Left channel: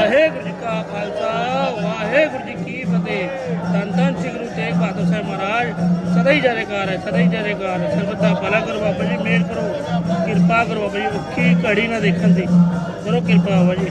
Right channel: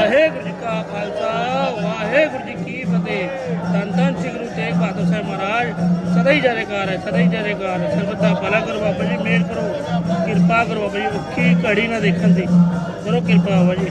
ਵਾਹਿਗੁਰੂ ਜੀ ਕਾ ਖਾਲਸਾ, ਵਾਹਿਗੁਰੂ ਜੀ ਕੀ ਫਤਿਹ। ਧੰਨ ਧੰਨ ਸ੍ਰੀ ਗੁਰੂ ਤੇਗ ਬਹਾਦਰ ਸਾਹਿਬ ਮਹਾਰਾਜ, ਸਦਾ ਹੀ ਜੈਕਾਰ ਹੈ, ਸਦਾ ਹੀ ਜੈਕਾਰ ਹੈ। ਸਰਬਤ ਦਾ ਭਲਾ ਕਰੋ ਬਾਬਾ ਜੀ ਮਿਹਰ ਕਰੋ, ਕਿਰਪਾ ਕਰੋ ਬਾਬਾ ਜੀ, ਔਖੀ ਘੜੀ ਨਾ ਦੇਖਣ ਦੀ। ਕਰੋ ਕਿਰਪਾ ਬਾਬਾ ਜੀ।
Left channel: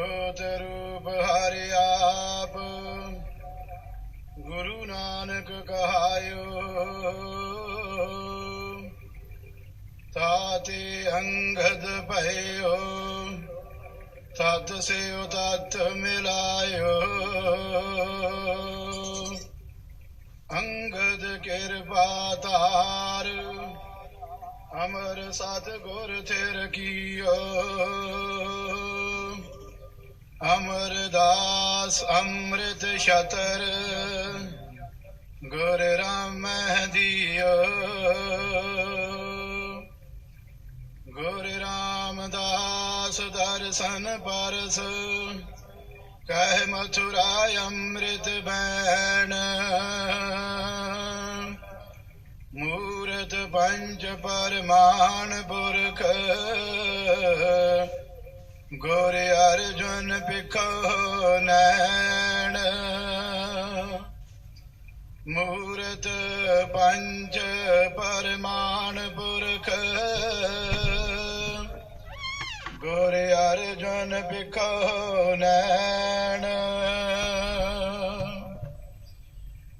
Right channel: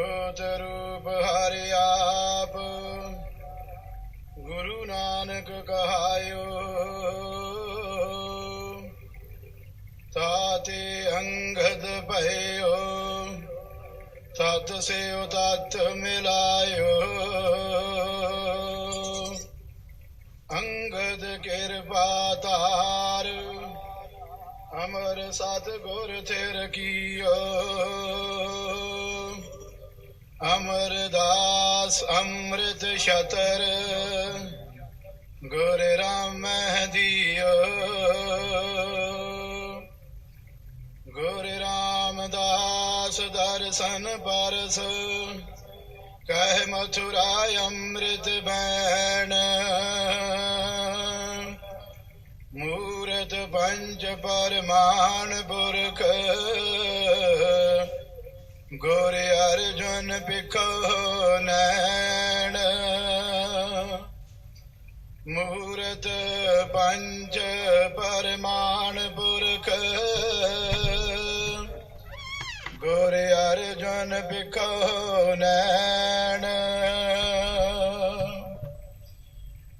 ਜੋਤ ਰੂਪ ਹਰਿ ਆਪ। ਗੁਰੂ ਨਾਨਕ ਕਹਾਇਓ ਤਾਤੇ ਅੰਗਦ ਭਇਓ ਤਤ ਸੇਉ ਤਤ ਮਿਲਾਇਓ। ਅੰਗਦ ਕਿਰਪਾ ਤਾਰ ਅਮਰ ਸਤ ਗੁਰ ਤੇਰ ਕੀਓ। ਅਮਰਦਾਸ ਅੰਮ੍ਰਿਤ ਛਤਰ, ਗੁਰ ਰਾਮ ਦਿਓ। ਗੁਰ ਰਾਮਦਾਸ ਦਰਸ਼ਨ ਪਰਸ, ਕਹਿ ਮਥੁਰਾ ਅੰਮ੍ਰਿਤ ਬੈਣ। ਮੂਰਤ ਪੰਜ ਪਰਮਾਨ ਪੁਰਖ ਗੋਰੇ ਅਰਜਨ ਪਿਖੋ ਨੈਣ। ਮੂਰਤ ਪੰਜ ਪਰਮਾਨ ਪੁਰਖ। ਗੋਰੇ ਅਰਜਨ ਪਿਖੋ ਨੈਣ।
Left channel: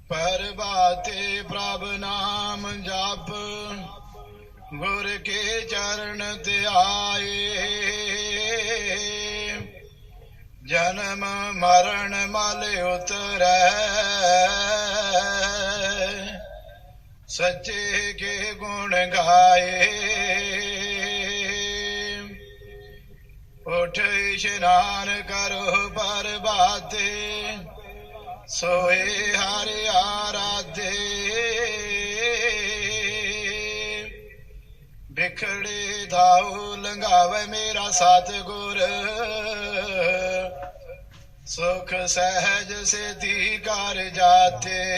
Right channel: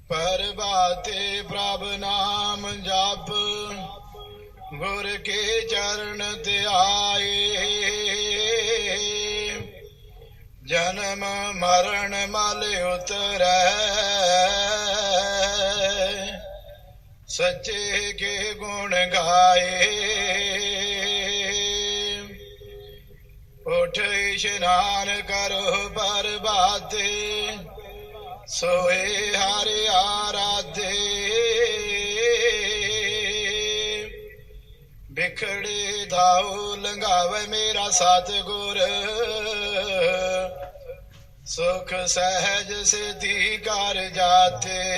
ਪਰਬਾਤੇ ਪ੍ਰਭ ਨਾਮ ਜਾਪ। ਗੁਰ ਕੇ ਚਰਨ ਤੇ ਆਏ ਜਨਮ ਮਰਨ ਮਲ ਉਤਰੈ। ਸੱਚੇ ਕੇ ਗੁਣ ਗਾਏ। ਉਠ ਇਸ਼ਨਾਨ ਕਰੋ ਬਰਬਾਦੇ ਸੋਏ ਹਰਿ ਆਰਾਧੇ। ਬਿਖੜੇ ਦਾਉ ਲੰਗਾਵੇ ਮੇਰਾ ਸਤਗੁਰ। ਸੁਖ ਸਹਿਜ ਸਿਧੀ ਕਰ ਜਾਤੇ।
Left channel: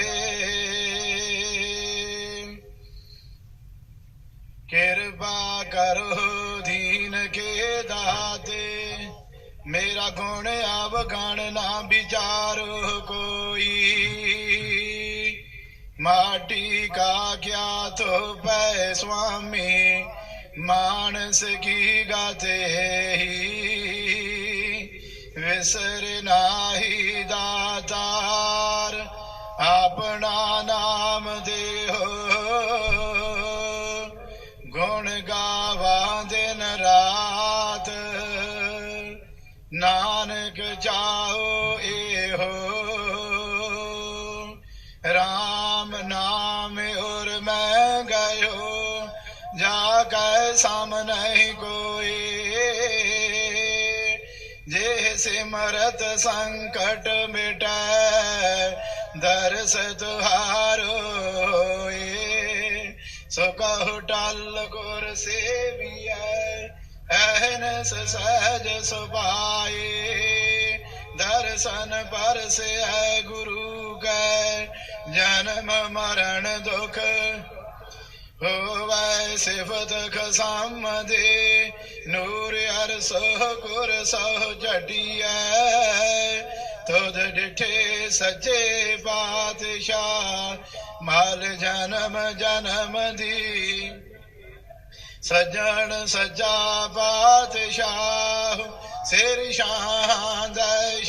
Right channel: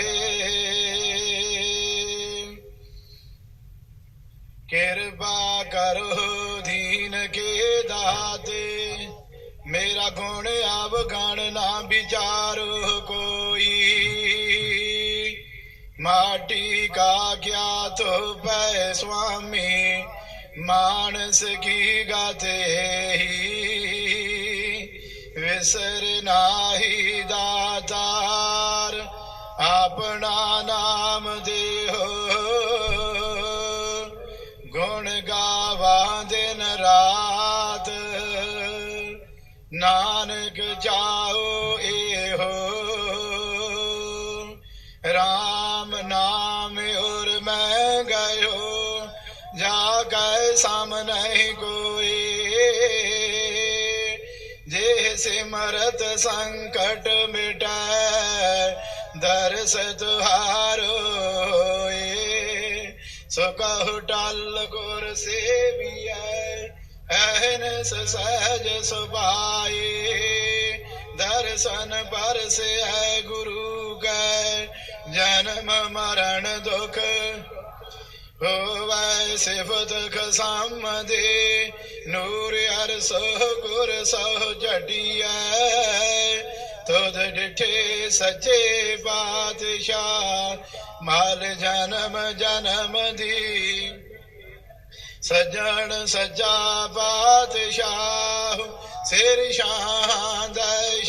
ਕਿਰਪਾ ਕਰੋ ਦੀਨ ਕੇ ਦਾਤੇ। ਮੇਰਾ ਗੁਣ ਅਵਗਣ ਨਾ ਵਿਚਾਰੋ ਕੋਈ। ਮਾਟੀ ਕਾ ਕਿਆ ਤੋ ਪੈ ਸੁਆਮੀ। ਮਾਨਸ ਕੀ ਗਾਤੇ ਵਿਸਰ ਨਾਹੀ ਦਾਤਾਰ, ਆਪਣਾ ਨਾਮ ਦੇਹੋ। ਗੁਣ ਗਾਵਾਂ ਦਿਨ ਰਾਤ, ਨਾਨਕ ਚਾਹੋ ਇਹੋ। ਰਾਮ ਨਾਮ ਔਰ ਮੈਂ ਗਇਓ ਜਾ ਕੈ ਸਮ ਨਹੀਂ ਕੋਈ। ਸਿਮਰਤ ਸੰਕਟ ਮਿਟੈ ਦਰਸ ਤੁਹਾਰੋ ਏ ਸੋ ਕਹੁ ਟਲ ਗੁਰ ਸੇਵੀਐ ਐਨਸ ਸਹਿਜ ਸੁਭਾਏ ਦਰਸ਼ਨ ਪਰਸੈ ਗੁਰੂ ਕੈ ਜਨਮ ਮਰਨ ਦੁਖ ਹੋਵੈ ਸਿਫਤ ਖਸਮ ਦੇ ਨੂਰ ਅਰਸ ਗੁਰ ਸਹ ਜਟਿਐ ਤੁਧ ਡਿਠੇ ਸੱਚੇ ਪਾਤਸ਼ਾਹ, ਮਾਲ ਜਨਮ ਜਨਮ ਦੀ। ਸਜਣ ਸਜਾ ਪਾਤਸ਼ਾਹ, ਸਿਰ ਸ਼ਾਹ ਦੇ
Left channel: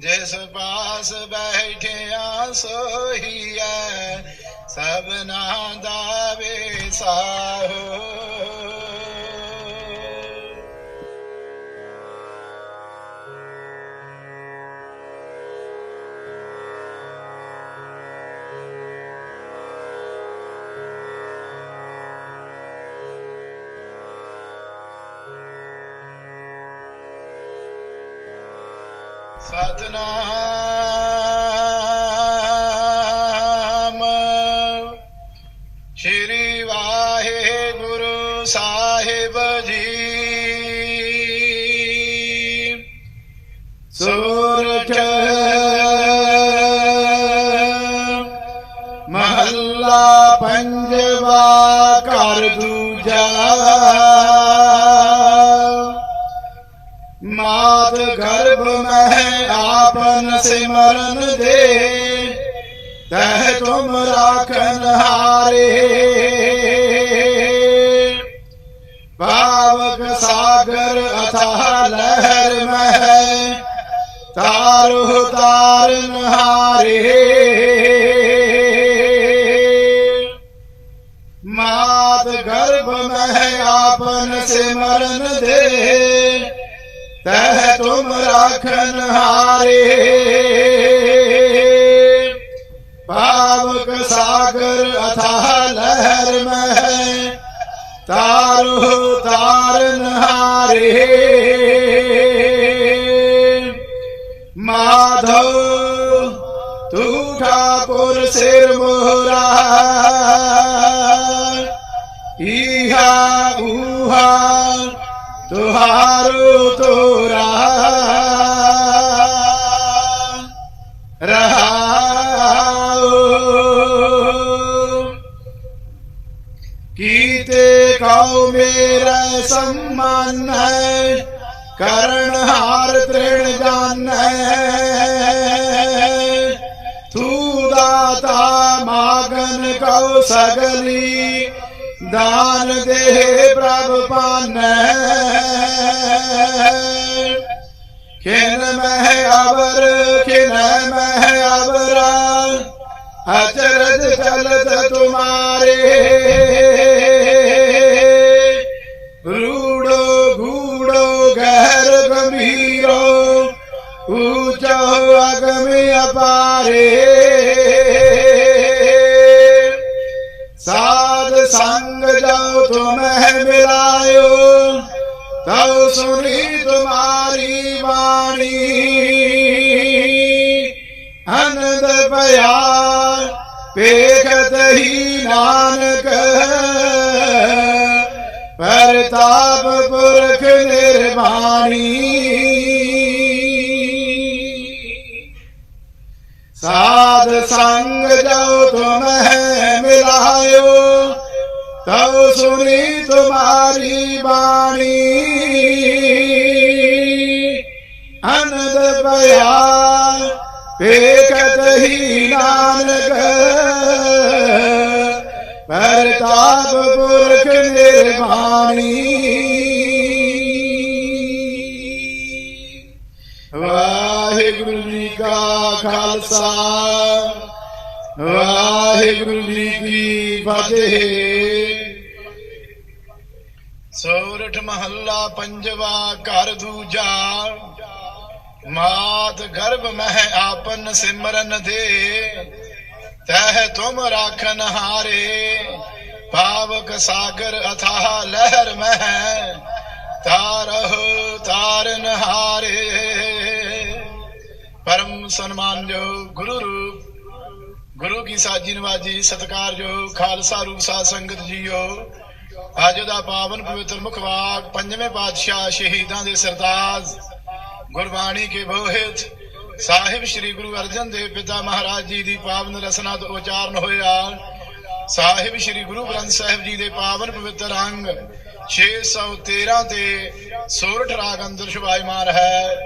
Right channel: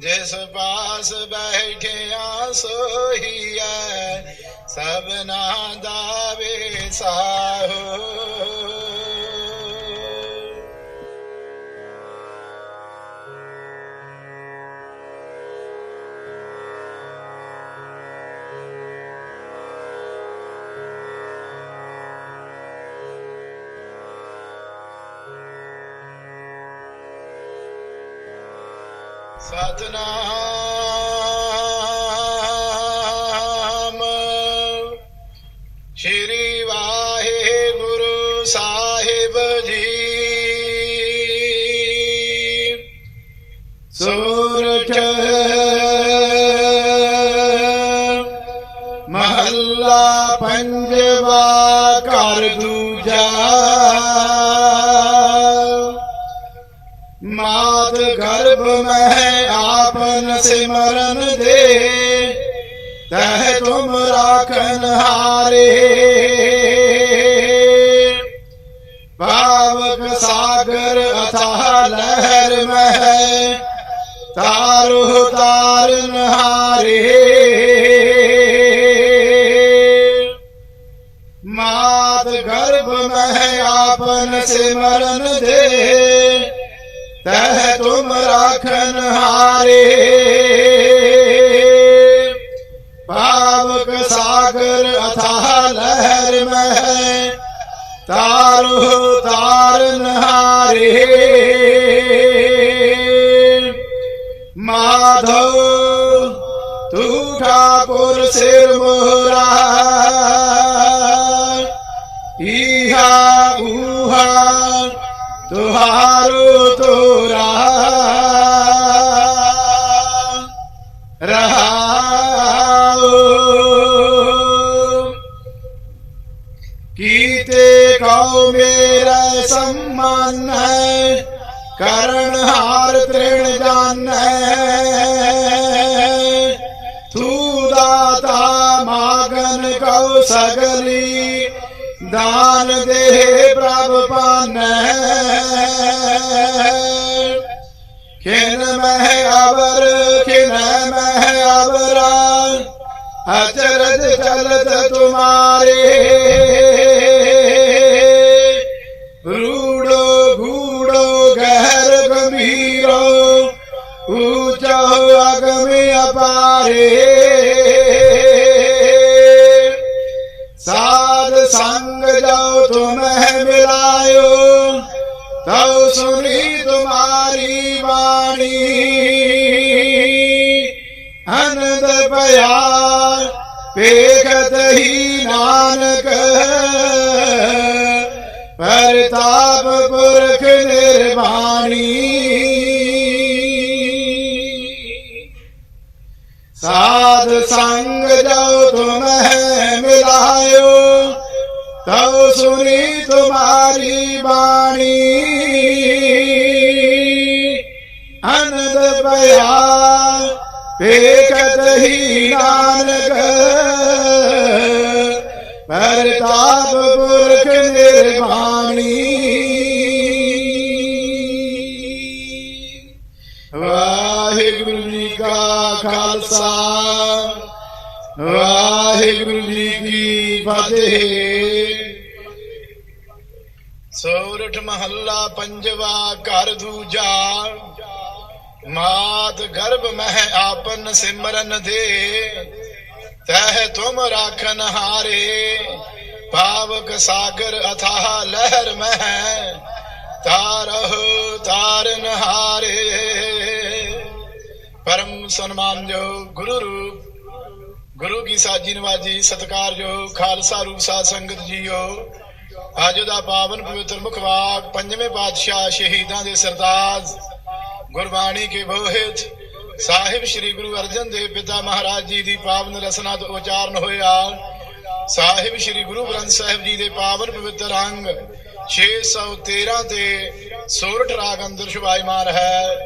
ਜਿਸ ਪਾਸ ਬੈਠਿਆ ਸੋਹੀਐ ਸਭਨਾ ਦਾ ਵੇਸਾਹੋ ਸਤਨਾਮ ਗਰਭ ਮਹਿ ਆਪਨ ਸਿਮਰਨ ਦੇ, ਤਹ ਤੁਮ ਰਾਖਨ ਹਾਰੇ। ਪਾਵਕ ਸਾਗਰ ਅਥਾ ਲਹਿਰ ਮਹਿ ਤਾਰੁ ਤਾਰਨ ਹਾਰੇ। ਮਾਤ ਗਰਭ ਮਹਿ ਆਪਨ ਸਿਮਰਨ ਦੇ ਤਹ ਤੁਮ ਰਾਖਨ ਹਾਰੇ। ਪਾਵਕ ਸਾਗਰ ਅਥਾ ਲਹਿਰ ਮਹਿ, ਤਾਰੁ ਤਾਰਨ ਹਾਰੇ ਮਾਧੋ ਤੂ ਠਾਕੁਰ ਸਿਰ ਮੋਰਾ ਈਹਾ ਊਹਾ तुहारो तोरा रहा कीते कौ मेरा सम्मान है करण हार तृण जान तू दाता मागन कौ सगली ਦਾਨ ਦੇ ਪ੍ਰਭ ਪਾਨੈ। ਖਿਨ ਮਹਿ ਅਵਰ, ਖਿਨ ਮਹਿ ਅਵਰਾ ਅਚਰਜ ਚਲਤ ਤੁਮਾਰੇ। ਰੂੜੋ ਗੂੜੋ ਗਹਿਰ ਗੰਭੀਰੋ, ਊਚੋ ਅਗਮ ਅਪਾਰੇ। ਸਾ संग जाओ तुम्हें मिलायो तब सुनी तुम्हारी वाणी आनंद पया पेखत ही नानक परताप पुरख निर्वाणी साध संग जाओ तुम्हें मिलायो तव सुनी तुम्हारी वाणी अनद बया पेकत ही नानक परताप पुरख निर्वाणी वाहिगुरु जी का खालसा वाहिगुरु जी की फतेह ਮਹੱਲਾ ਪੰਜਵਾ, ਘਰ ਦੂਜਾ। ਮਾਤ ਗਰਭ ਮਹਿ ਆਪਨ ਸਿਮਰਨ ਦੇ। ਤਹਿ ਤੁਮ ਰਾਖਨ ਹਾਰੇ। ਪਾਵਕ ਸਾਗਰ ਅਥਾਹ ਲਹਿਰ ਮਹਿ। ਤਾਰਹ ਤਾਰਨ ਹਾਰੇ। ਪਰਮ ਸਨਮਾਨਯੋਗ ਗੁਰੂ ਰੂਪ। ਗੁਰੂ ਕੀ ਸਾਜੀ ਨਵਾਜੀ ਸਤਕਾਰਯੋਗ ਖਾਲਸਾ ਰੂਪ ਸਾਧ ਸੰਗਤ ਜੀਓ। ਅੱਜ ਦਾ ਪਾਵਨ ਪਵਿੱਤਰ ਮੁਖਵਾਕ ਪੰਜਵੇਂ ਪਾਤਸ਼ਾਹ ਸ਼ਹੀਦਾਂ ਦੇ ਸਰਤਾਜ ਗੁਰਬਾਣੀ ਕੇ ਬੋਹਿਤ ਸਾਹਿਬ ਸ੍ਰੀ ਗੁਰੂ ਅਰਜਨ ਦੇਵ ਪਿਤਾ ਮਹਾਰਾਜ ਜੀ ਦੀ ਪਾਵਨ ਰਸਨਾ ਤੋਂ ਉਚਾਰਨ ਹੋਇਆ। ਸਾਹਿਬ ਸ੍ਰੀ ਗੁਰੂ ਗ੍ਰੰਥ ਸਾਹਿਬ ਜੀ ਦੇ ਪਾਵਨ ਪਵਿੱਤਰ ਅੰਗ 613 ਤੇ ਸੋਰਠ ਰਾਗ ਅੰਦਰ ਸ਼ੁਭਾਇਮਾਨ ਹੈ।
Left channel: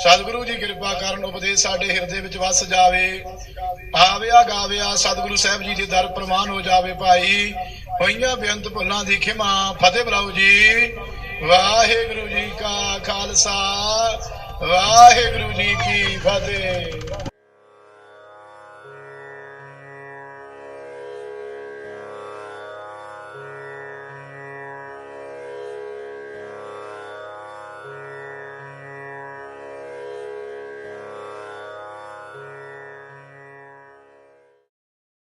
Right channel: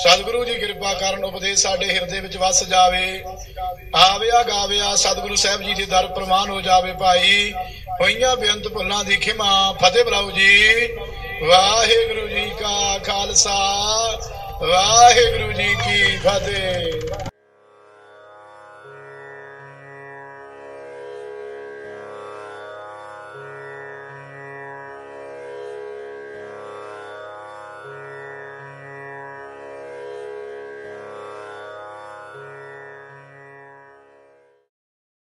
ਸਤਿਗੁਰੂ ਜੀ ਕਿਰਪਾ ਕਰਨ ਉਪਦੇਸ਼ ਸਾਡੇ ਹਿਰਦੇ ਵਿੱਚ ਵਸ ਜਾਵੇ। ਆਵਿਆ ਗਾਵਿਆ ਸਤਿਗੁਰੂ ਸਾਹਿਬ ਜੀ ਦੇ ਦਰ ਪ੍ਰਮਾਨ ਹੋ ਜਾਵੇ ਭਾਈ। ਹੋਈਆਂ ਬੇਅੰਤ ਭੁੱਲਾਂ ਦੀ ਖਿਮਾ। ਫਤਿਹ ਬਲਾਉ ਜੀ। ਵਾਹਿਗੁਰੂ ਜੀ ਕਾ ਖਾਲਸਾ। ਵਾਹਿਗੁਰੂ ਜੀ ਕੀ ਫਤਿਹ।